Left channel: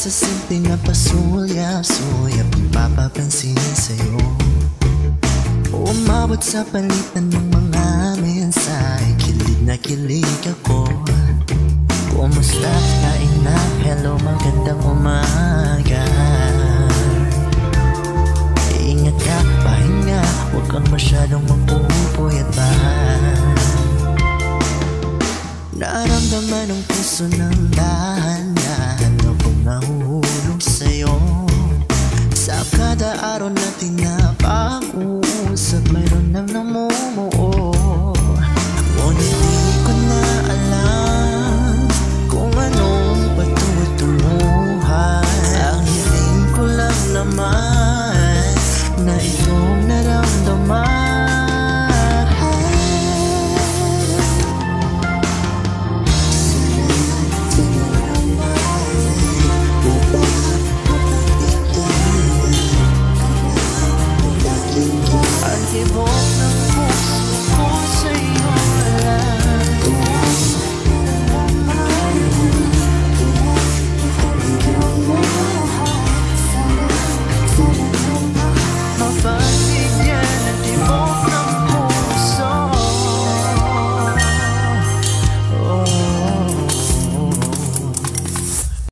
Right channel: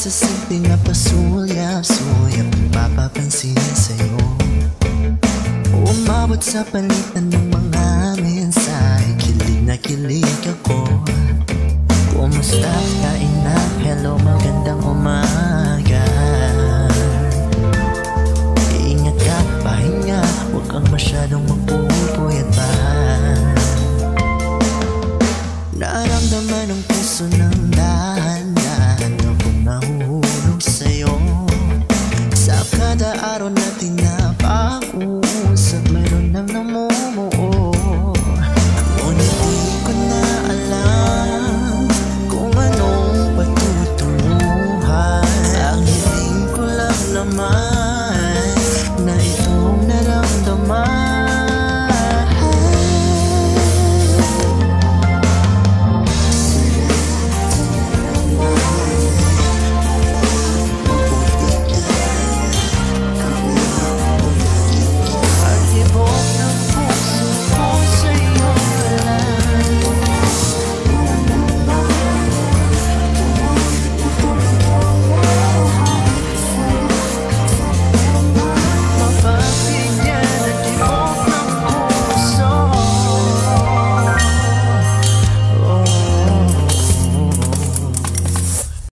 sa simpleng na pasulyap-sulyap ang papapansin sa'yo. Umabot sa palitan ng mga mensahe, kilig na kilig ako. Kumusta? Kain na? Hello, magandang umaga. Ingat ka, pahinga, huwag kang masyadong magpupuyat pa. Naramdaman ng puso ng dahan-dahan akong nahuhulog sa'yo. Sa kada araw natin na pag-uusap, mayroon nang namumuo. Ngunit di ko na alam kung anong patutunguhan. Ang hiling ko lang naman na itong naramdaman. Ang hibok ng